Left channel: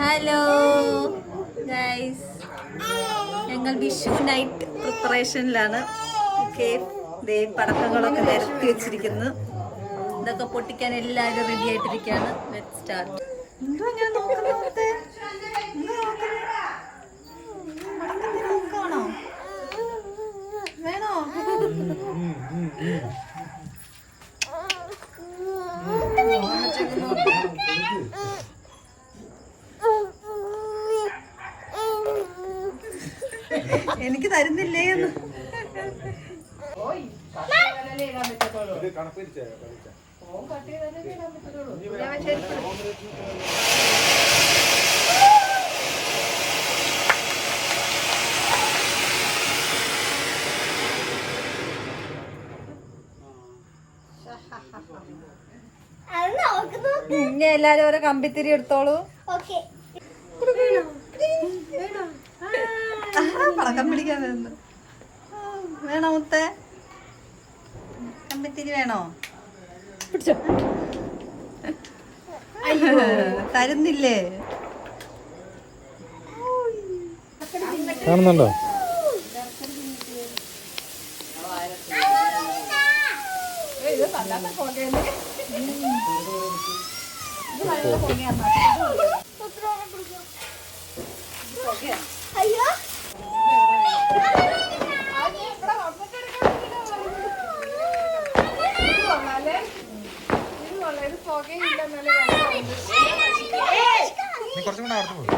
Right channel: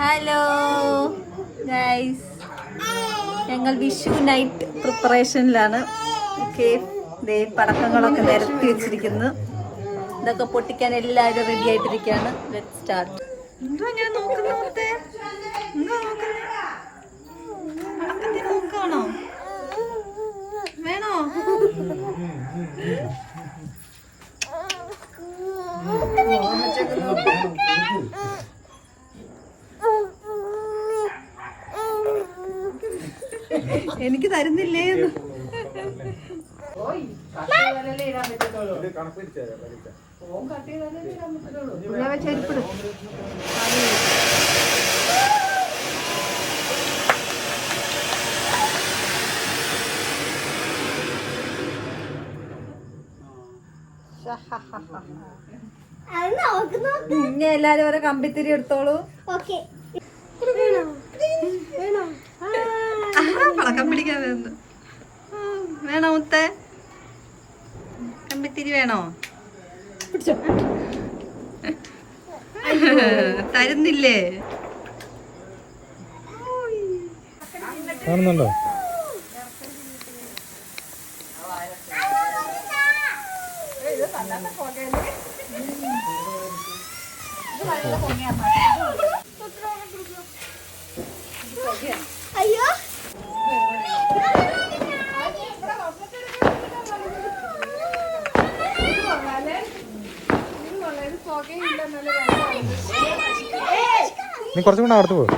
Hello guys, ഞങ്ങൾ Vishu night പ്രിപ്പറേഷനിലാണ്. പടക്കങ്ങളൊക്കെ നിരത്തി വെച്ചിരിക്കുന്നു. ഇതൊക്കെ പൊട്ടിക്കാൻ എല്ലാവരും റെഡി ആയിട്ടിരിക്കുകയാണ്. Let start. വേണോ? എനിക്ക് തരുന്നില്ലേ എന്ന് ഇനി എല്ലാരും ഓരോ കമ്പിത്തിരി എടുത്തോളൂ. പടക്കം പിടിക്കാൻ വരുന്നു. വേണോ മുത്തേ? കമ്പിത്തിരി വേണോ? തരുന്നില്ലേ? കാണുന്നുണ്ടോ? അയ്യോ, നീ കുറച്ചും കൂടെ അടുത്ത് പോകും.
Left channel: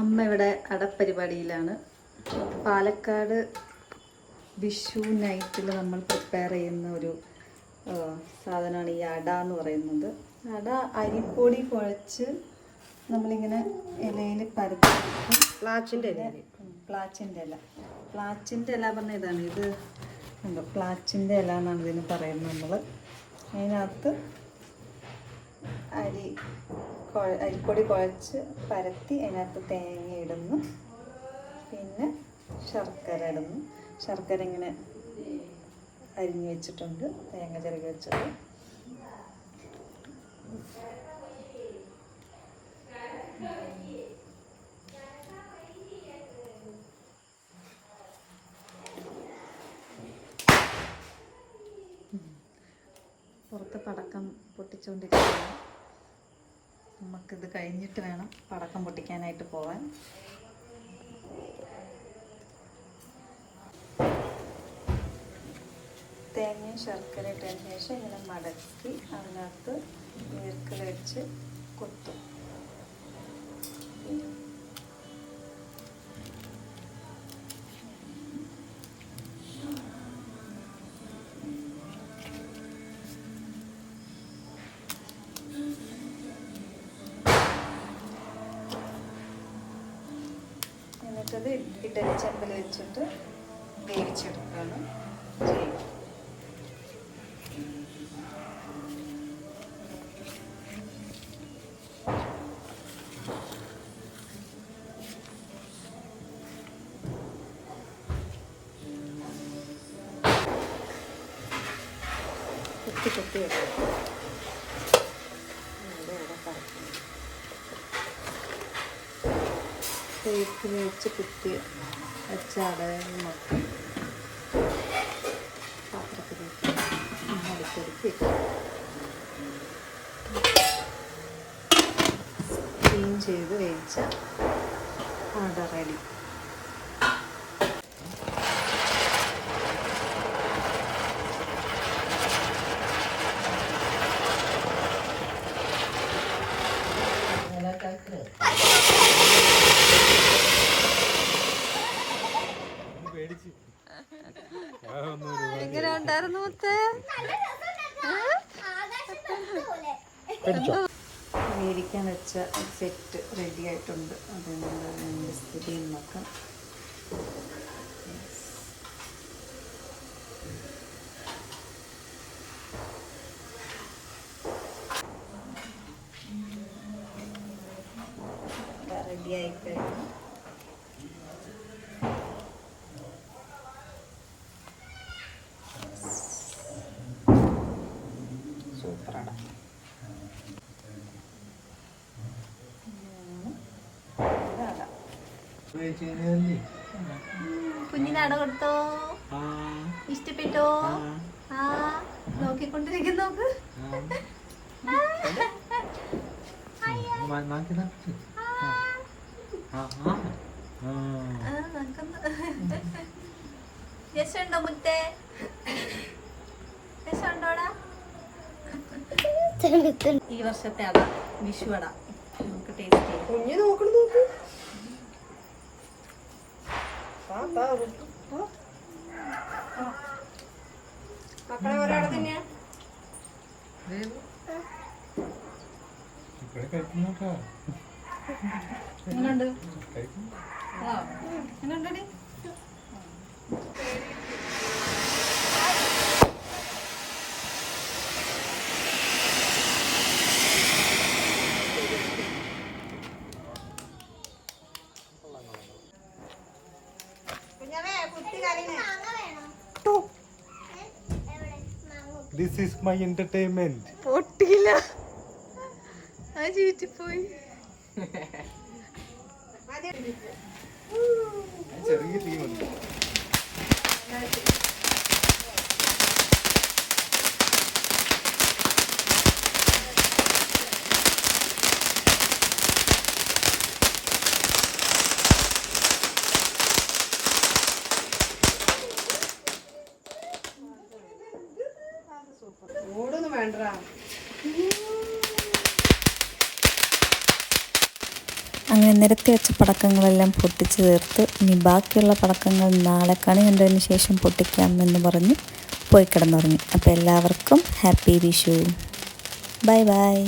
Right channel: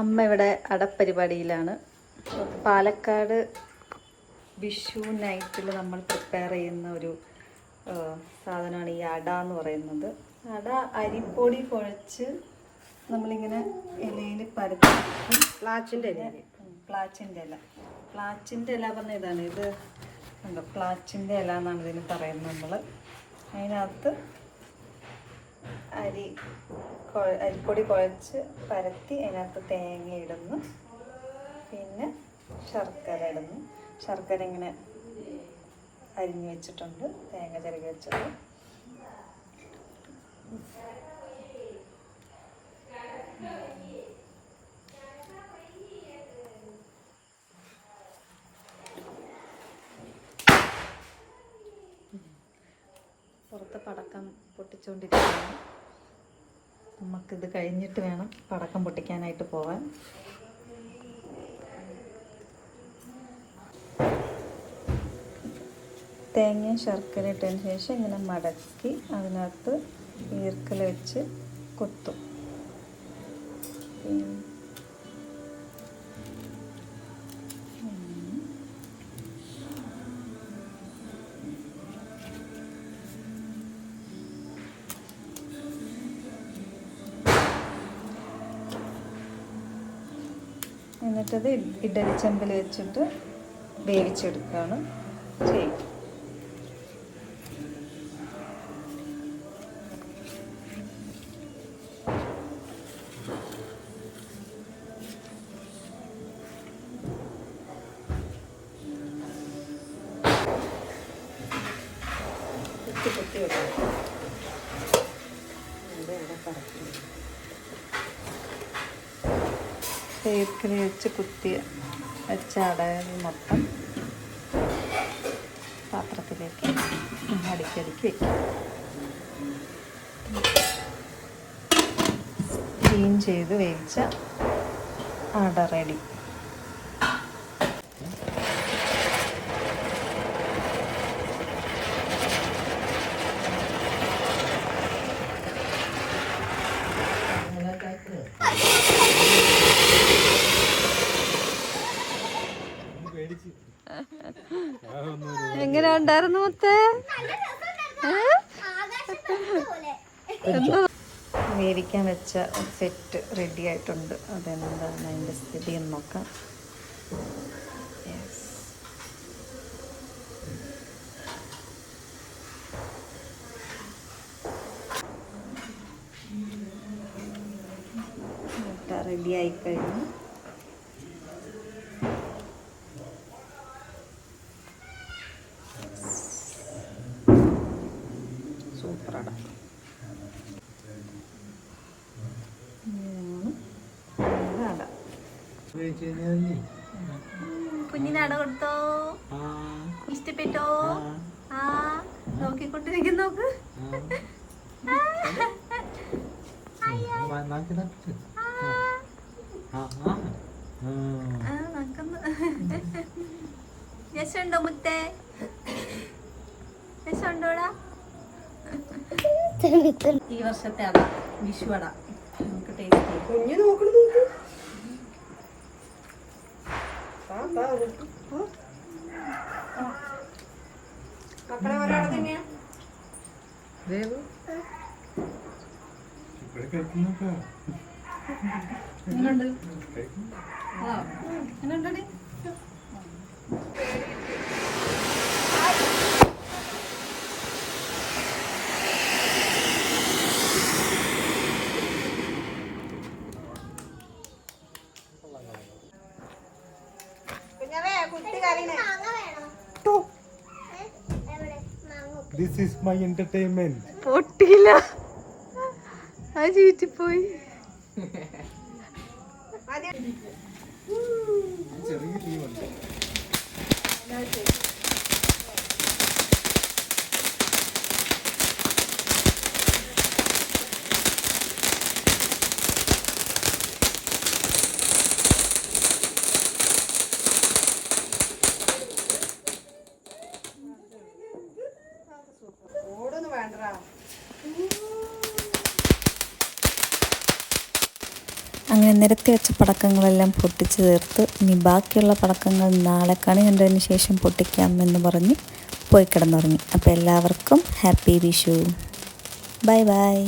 അമ്മ ഇവിടെ അടപ്പരിപാടിയിലാണ്. പാലക്കാട് വിഷു നൈറ്റിൽ നമ്മൾ പ്രിപ്പയർ ചെയ്യുന്ന ഒരു സാധനമാണ് ഈ അട എന്ന് പറയുന്നത്. അട അരിപ്പൊടി കുഴച്ച് നമ്മളിങ്ങനെ ഇലയിൽ പരത്തി, പ്ലാച്ചിൻ്റെ ഇല പറഞ്ഞ ഇതാണ്. ഇത് ഉണ്ടോ, പ്ലാച്ചിൻ്റെ ഇല എന്നാണ് ഇതിന് പറയുന്നത് നമ്മൾ. അതിനകത്ത് അരിപ്പൊടി കുഴച്ച് പരത്തി അതിനകത്ത് തേങ്ങ ഇടുന്നു, പിന്നെ ശർക്കര ഇടുന്നു. ശർക്കര ഇങ്ങനെ അരിഞ്ഞു വെച്ചിട്ടുണ്ട്, തേങ്ങ ചിരകി വെച്ചത്. പുറത്ത് പടക്കം പൊട്ടിച്ചുകൊണ്ടിരിക്കുകയാണ്. നമുക്കിത് കഴിഞ്ഞിട്ട് വേണം പടക്കം പൊട്ടിക്കാനായിട്ട് പോകാൻ. തേങ്ങയും ശർക്കര ഇട്ടതിന് ശേഷം ഇങ്ങനെ മടക്കി അതിനകത്ത് ഈർക്കൽ വെച്ച് കൊത്തും. എന്നിട്ടത് ഇഡലിച്ചമ്പിൽ വെച്ചിട്ട് വേവിച്ചെടുക്കുകയാണ് ചെയ്യും. കുത്തി വെക്കും. തേക്കിൽ വെച്ച് കുത്തി വെച്ച അടകൾ മൊത്തം പാത്രത്തിലേക്ക് അടുക്കി വെക്കും. ക്ലീൻ ചെയ്ത് വേവിച്ച അട റെഡി. എങ്ങനെ ഉണ്ടായിരുന്നു മുത്തേ? വേവിക്കാൻ വെച്ച സെറ്റ് റെഡി ആയിട്ടുണ്ട്. അതെന്താണ് അതിൻ്റെ സ്ഥിതി എന്ന് നോക്കാം. റെഡി ആയി കഴിഞ്ഞു. കുഞ്ഞിനാട കൊടുത്തോ? ഇഷ്ടപ്പെട്ടോ? നോക്കിക്കൊണ്ടിരിക്കുന്നു നോക്ക്. രസമുണ്ടോ മുത്തേ? രസമുണ്ടോടാ? ഈ വർഷത്തെ അട, വിഷു അട നമുക്ക് ടേസ്റ്റ് ചെയ്യാം. കുഞ്ഞു നോക്കണ നോക്ക്. മക്കളെ ഒരാളെ തന്നെയാ. എങ്ങനുണ്ട്? എങ്ങനുണ്ടടി? This is my entertainment. പൊട്ടിയില്ല, അത് ചീറ്റിപ്പോയി. ചെറിയ ടീമുണ്ട്. ഓടൊന്നും വേണ്ടടാ. അങ്ങനെ നിരത്തി വെച്ച പടക്കങ്ങളെല്ലാം പൊട്ടിച്ച് തീർത്ത് ഇനി ബാക്കിയുള്ള പടക്കങ്ങൾ നാളെ കണി കണ്ടതിന് ശേഷം പൊട്ടിക്കാം എന്ന് പറഞ്ഞ് പോയി കിടന്നുറങ്ങി. അപ്പോൾ എല്ലാവർക്കും ഹാപ്പി വിഷു. Bye bye.